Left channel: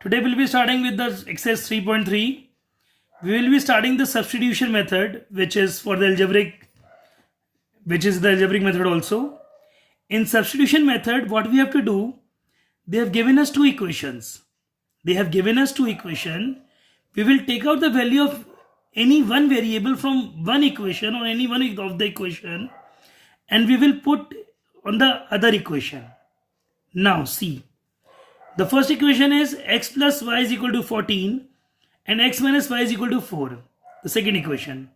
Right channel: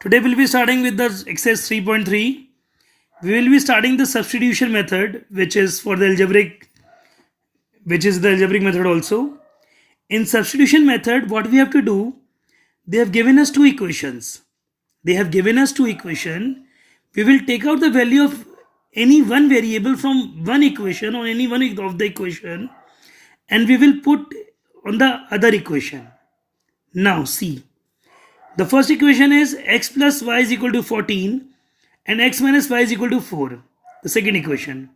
Today we'll be starting with the exercise 3.3. We will be starting the substitution method, which is the algebraic method also. In substitution method, what we have to do, they have given us two equations. We will take out the value of any one variable from one equation or any one of the equation, and we will put on the other equation. Now see. The first equation is x plus y is equal to 14 and x minus y is equal to 4. The second equation.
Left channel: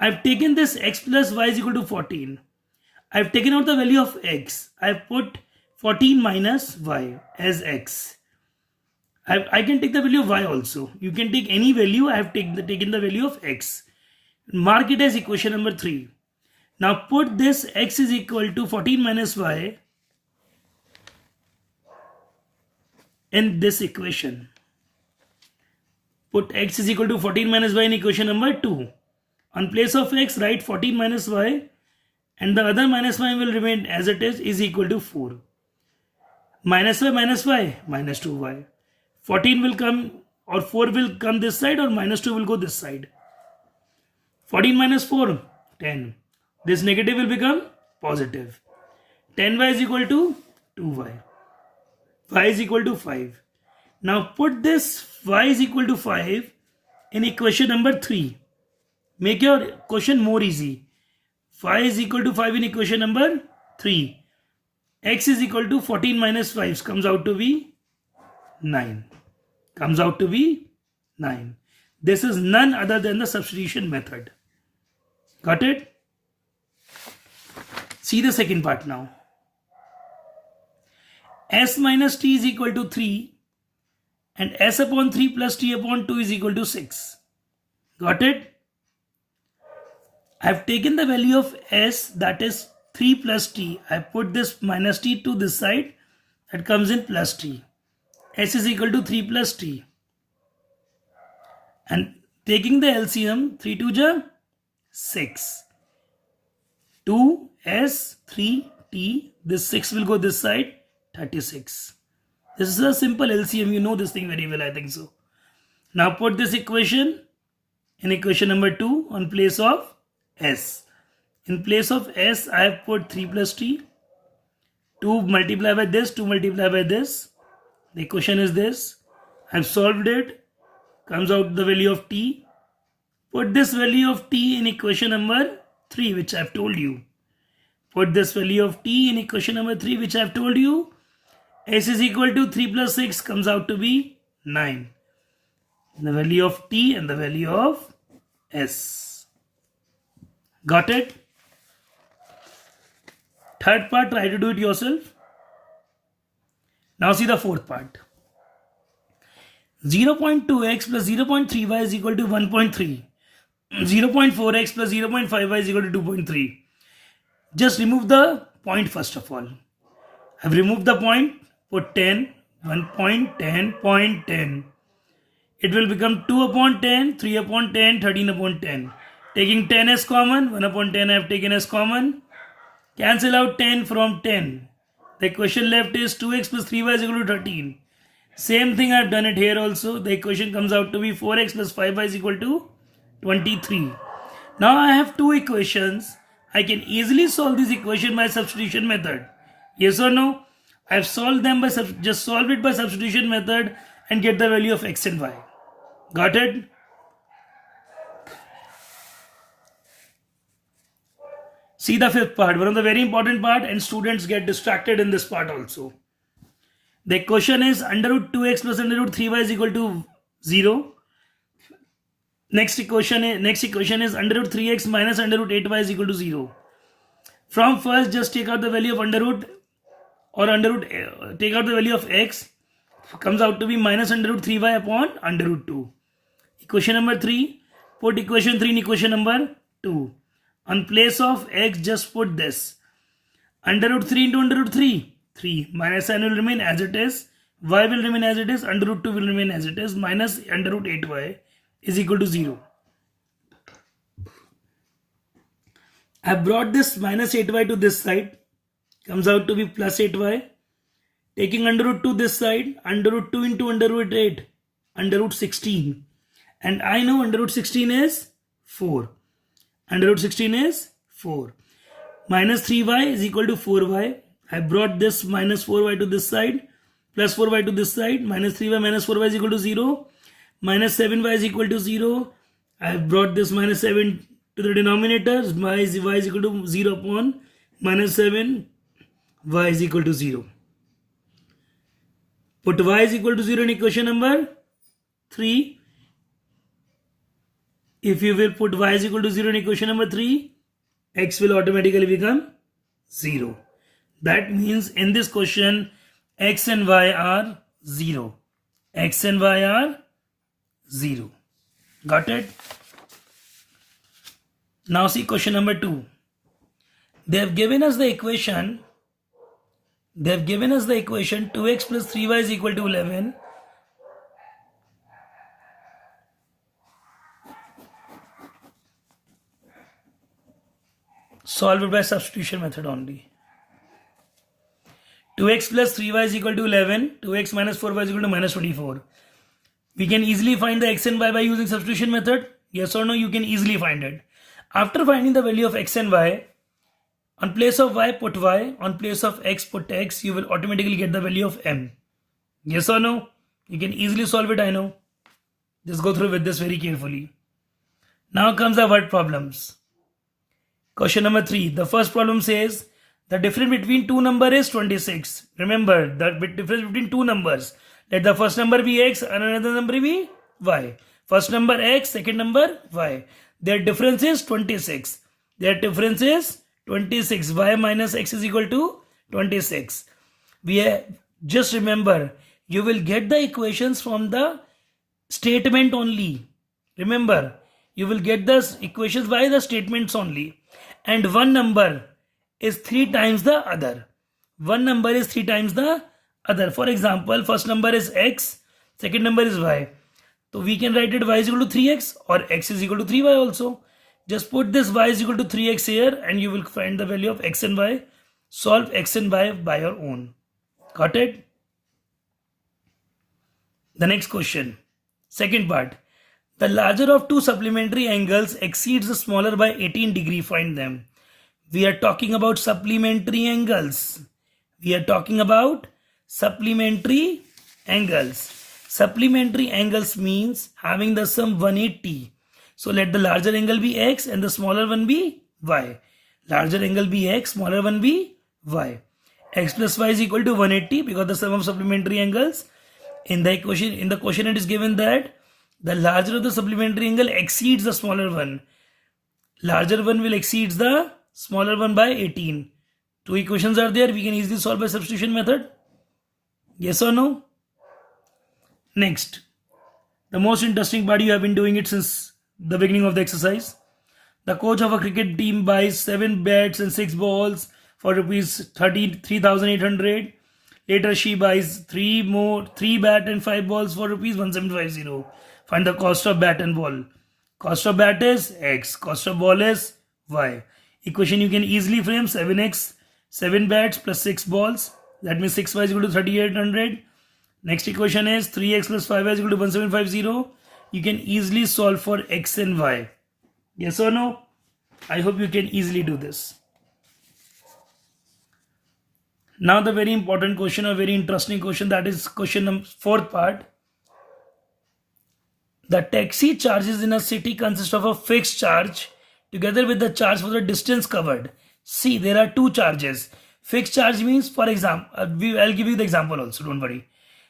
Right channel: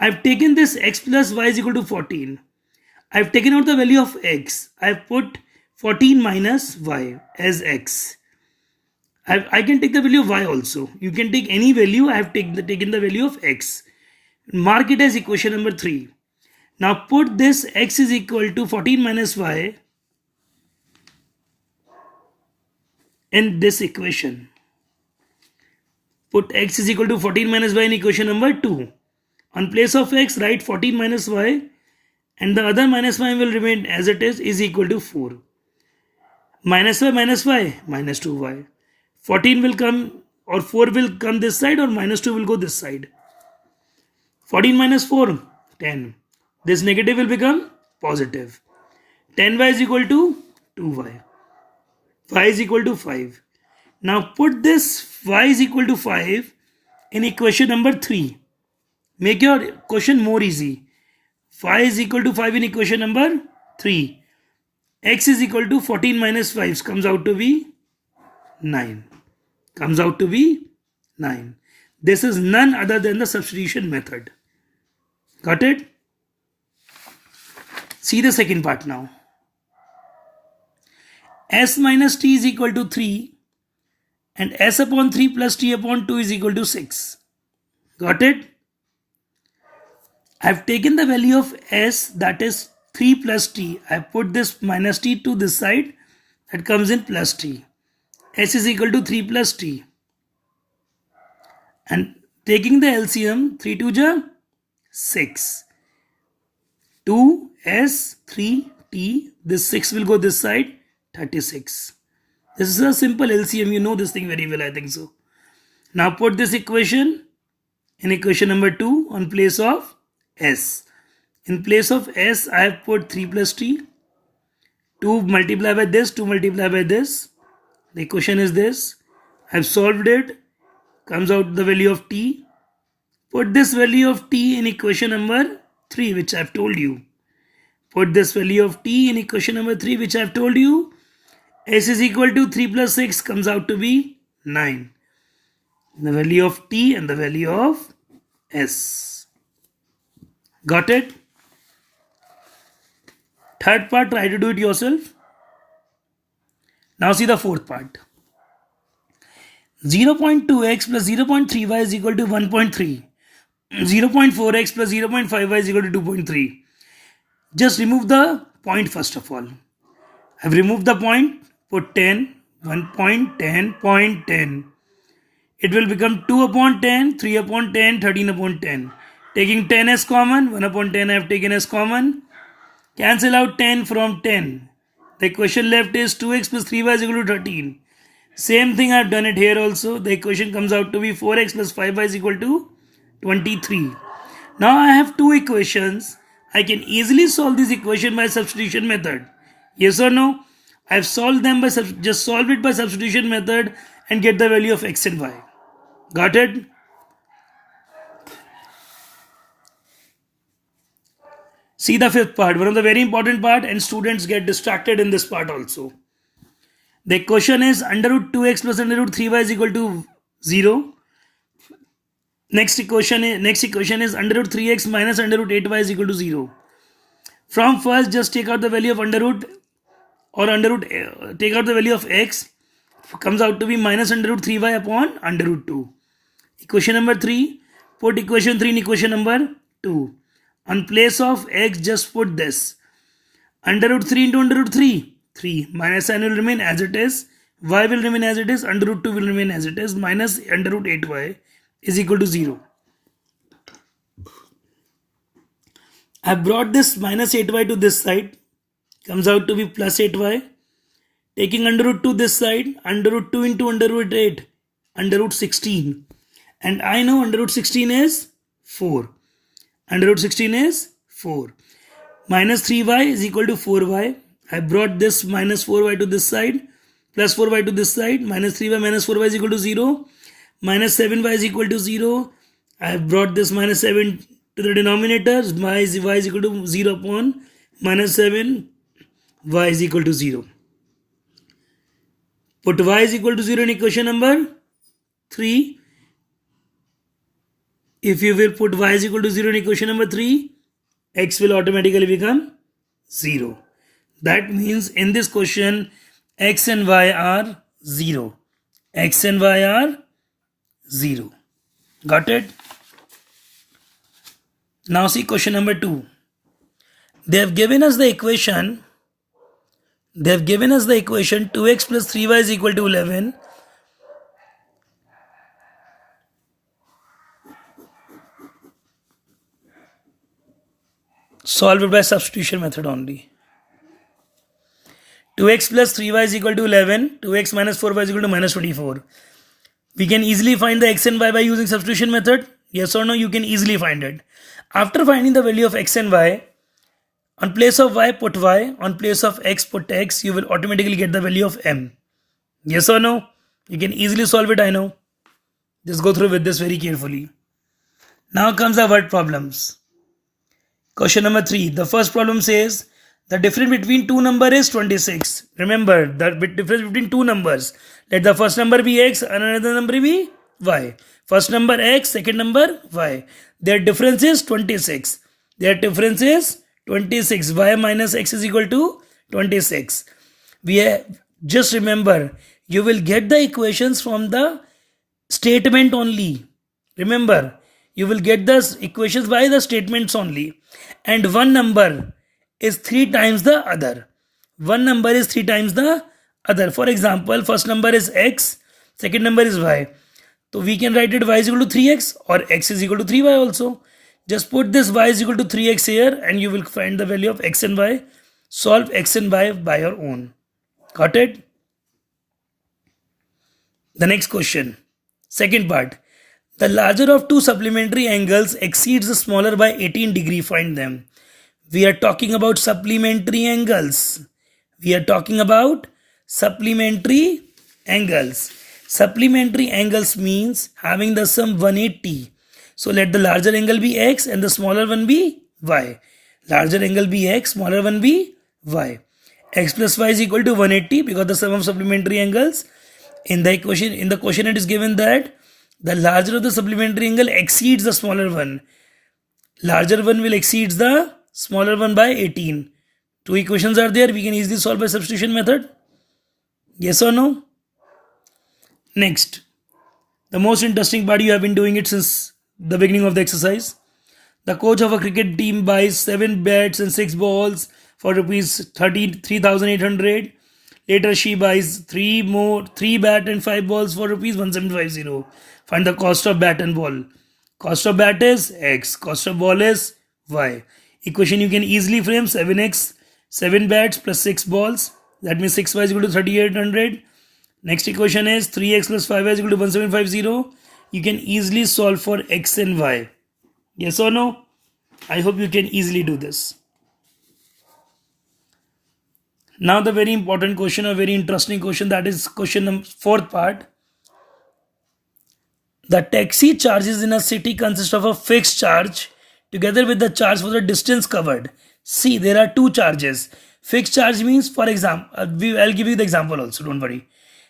I've taken this x plus y is equal to 14. I've taken out the value of x. I've put 14 minus y as x. I can take the value of y also. You can take any value. I have taken the value of x. Mark it as equation number 3. Now put this x is equal to 14 minus y in this equation. Put x is equal to 14 minus y in equation number 2. On place of x, write 14 minus y, and the other minus y will remain as it is equal to 4. Minus y, minus 2y. 14 will come, or 4 will come this side, or minus 2 will go this side. 14 minus 4, 10. This negative will become positive. 10y is equal to 2y. Y is equal to 5. Now put this y is equal to 5 in equation number 3. Make your question more easy. Y is equal to 5 in equation number 3. X is equal to 14 minus 5 comes out to be 9. This is none other than the substitution method. Got it? See the second part now. S minus t is equal to 3 and s upon 3 plus t upon 2 is equal to 6. Got it? I have taken the value of s, that is 3 plus t. I have put this minus t to this side, that comes in plus t. S is equal to 3 plus t. And taking the LCM, 3 2 ja 6. 2s 3t, this 6 will go this side, 36. This is a simple LCM. You know this thing very well, I think so. Now put this equation in equation number 2 on place of s. In place of s, I have put 3 plus t. 2 multiplied by this, 2 multiplied by this. The equation is this. I have solved it. Comes out the value of t. Put this value of t in equation number 3, which I have told you. Put this value of t in equation number 3, which I have told you. S is equal to 3 plus 6 comes out to be 9. The value of t and the value of s. Got it? Third part, try to do it yourself. Now see the fourth part. 0.2x plus 0.3y is equal to 1.3. 0.4x plus 0.5y is equal to 2.3. Just remove the point first of all. I've removed the point. Put 10, 1.10, 0.10. It will become 2 upon 10, 3 upon 10, 13 upon 10. Taking 10 as common, 1 upon 10 I have taken as common. Cancel out 10 from 10. The equation left is 2x plus 3y is equal to 13. Same thing I have done it here also. The equation comes out to be 4x plus 5y is equal to 23. Now I have two equations. I can easily solve this equation by substitution method. Yes or no? I have solved them by just solve it by substitution method and get the value of x and y. Got it? See the fifth part, one of the very important part, and students get distracted in this part also. The equation is under root 2x plus under root 3y is equal to 0. Next equation is under root 3x minus under root 8y is equal to 0. From first, just take out the value of under root, or take out the value of x, comes out to be minus under root 3y upon under root 2. Equation number 3, put equation 3 in equation number 2. On place of x, just put this. Under root 3 into under root 3, 3. Minus sign will remain as it is. Y will remain as it is. Under root 2 will remain as it is. Minus under root 8y is equal to 0. I brought this minus 8y to this side. Comes out to be plus 8y. Taking under root 2 this side, under root 2 into under root 8, under root 16. And I know under root 16 is 4. Under root 16 is 4. Minus 3y is equal to 4y. I brought this minus 4y to this side, plus 4y to this side. Minus 3y minus 4y is equal to 0. Minus 7y is equal to 0. I have brought this minus 7 to the denominator. Y is equal to 0 upon minus 7. Y is equal to 0. Put y is equal to 0 in equation number 3. If you will put y is equal to 0 in equation number 3, x will automatically become 0. That means in this question, x and y are 0. X and y are 0. Got it? Now see question number 2. They have given us the equation. 2x plus 3y is equal to 11. Solve it by substitution method only. 2x plus 3y is equal to 11. 2x minus 4y is equal to minus 24. We can easily find the x and y by using substitution method. Yes or no? You can easily find it. After finding the value of x and y, on place of y put y, on place of x put x, you will automatically get the value of m. Yes or no? You can easily solve it, I know. Just go through with this very carefully. Now comes the word problems. Question number 3. The first problem says the difference between two numbers is 26. Remember, the difference between two numbers. Let the first number be x and another number be y. First number x, second number y. Their difference is 26. Their difference is 26. Y minus x is equal to 26. Just remember, you will get the equations from the statement only. Remember, you will get the equations by the statements only. And one number is 3 times the other. One number is 3 times the other. For example, first number is x, second number is y. So we can write it y is equal to 3x or x is equal to 3y also. Just put this y is equal to 3x here and you will find the value of x and y. Solve x and y by your own. Got it? The next question. Second part. The larger of two supplementary angles exceeds the smaller by 18 degree. Find them. We are talking about supplementary angles. Supplementary angles means having the sum 180. So let the larger angle be x and the smaller one be y. Larger angle be x, smaller one be y. X plus y is equal to 180 because the sum of supplementary angles. In the question it is given that the larger of the supplementary angle exceeds the smaller one. Larger one will exceed the smaller one by 18. Two equations are there. We can easily solve by substitution method. Yes or no? Next. The most interesting part, you have been doing it since the beginning of the exercise. The coach of a cricket team buys 7 bats and 6 balls for rupees 3,800. Later she buys 3 bat and 5 balls for rupees 1,750. Find the cost of bat and ball. Cost of bat is x. Cost of ball is y. Equation you can easily frame 7x, 7 bats plus 6 balls. That means 6y is equal to 3,800. Next equation is 3x plus 5y is equal to 1,750. You can easily solve for x and y. Yes or no? I hope you can easily do this. Now the very important question, or very interesting question, that is question number 4th part. The taxi charges in a city consist of a fixed charge together with the charge for the distance covered. See, there are 2 charges. Fixed charge means, for example, I'll give you the example also, don't worry.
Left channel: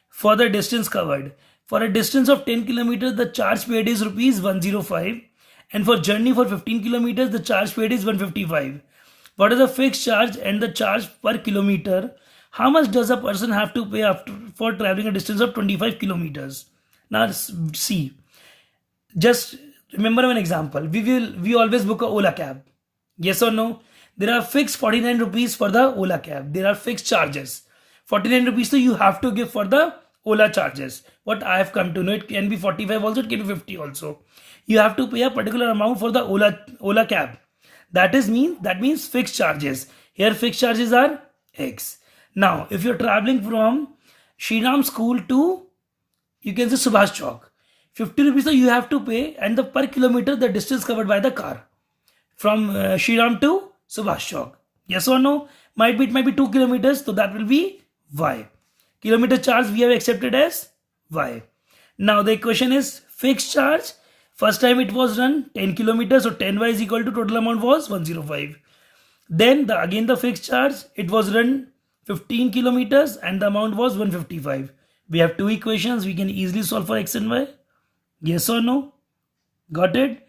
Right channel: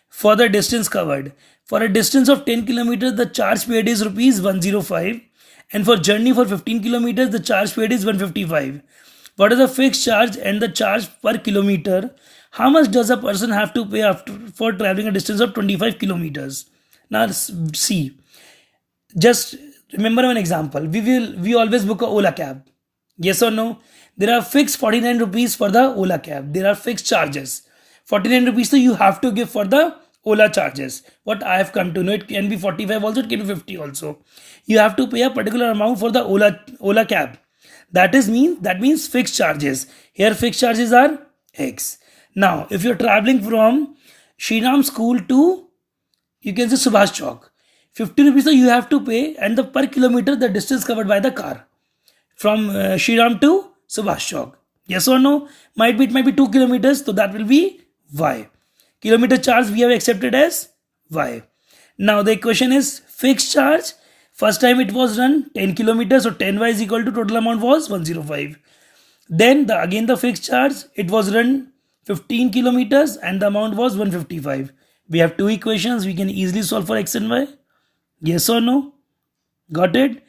For the distance covered. For a distance of 10 kilometers, the charge paid is rupees 105. And for journey for 15 kilometers, the charge paid is 155. What is the fixed charge and the charge per kilometer? How much does a person have to pay for traveling a distance of 25 kilometers? Now see, just remember one example. We always book a Ola cab. Yes or no? There are fixed 49 rupees for the Ola cab. There are fixed charges. 49 rupees so you have to give for the Ola charges. What I have come to know, it can be 45 also, it can be 50 also. You have to pay a particular amount for the Ola cab. That means fixed charges. Here fixed charges are x. Now, if you're traveling from Shriram School to, you can say Subhash Chowk, 50 rupees you have to pay, and the per kilometer the distance covered by the car from Shriram to Subhash Chowk. Yes or no? It might be 2 kilometers, so that will be y. Kilometer charge we have accepted as y. Now the equation is fixed charge. First time it was run 10 kilometers, so 10y is equal to total amount was 105. Then again the fixed charge, it was run 15 kilometers and the amount was 155. We have two equations, we can easily solve for x and y. Yes or no? Got it?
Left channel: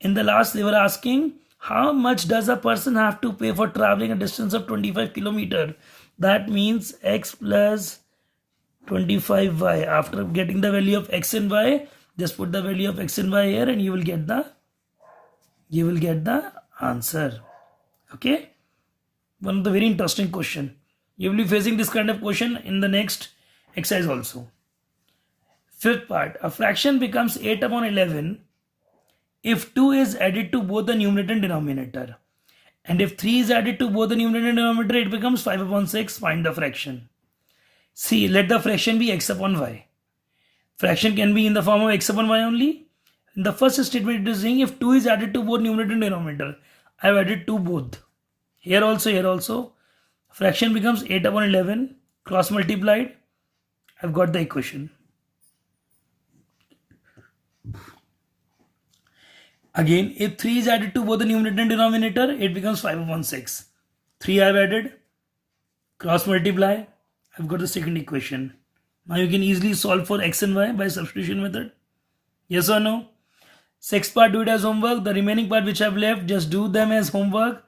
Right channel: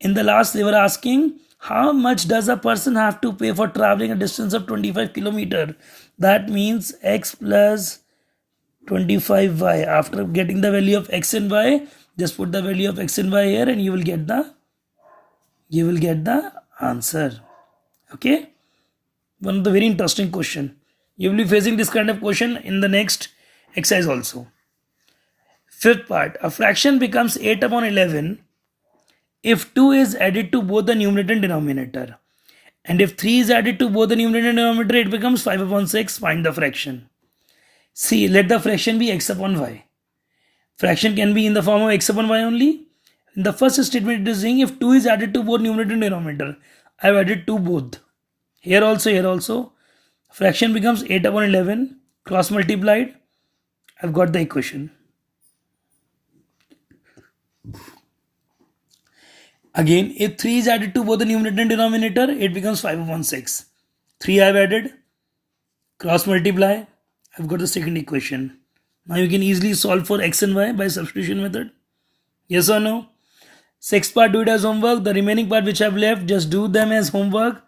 In the last they were asking how much does a person have to pay for traveling a distance of 25 kilometer. That means x plus 25y. After getting the value of x and y, just put the value of x and y here and you will get the answer. Okay, one of the very interesting question. You will be facing this kind of question in the next exercise also. Fifth part, a fraction becomes 8 upon 11 if 2 is added to both the numerator and denominator, and if 3 is added to both the numerator and denominator, it becomes 5 upon 6. Find the fraction. See, let the fraction be x upon y. Fraction can be in the form of x upon y only. In the first statement it is saying if 2 is added to both numerator and denominator. I have added 2 both. Here also. Fraction becomes 8 upon 11. Cross multiplied. I've got the equation. Again, if 3 is added to both the numerator and denominator, it becomes 5 upon 6. 3 I have added. Cross multiply. I've got the second equation. Now you can easily solve for x and y by substitution method. Yes or no? Sixth part, do it as homework. The remaining part which I have left, just do them as homework.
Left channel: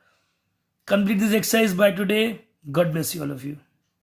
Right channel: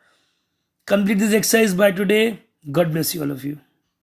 Complete this exercise by today. God bless you all of you.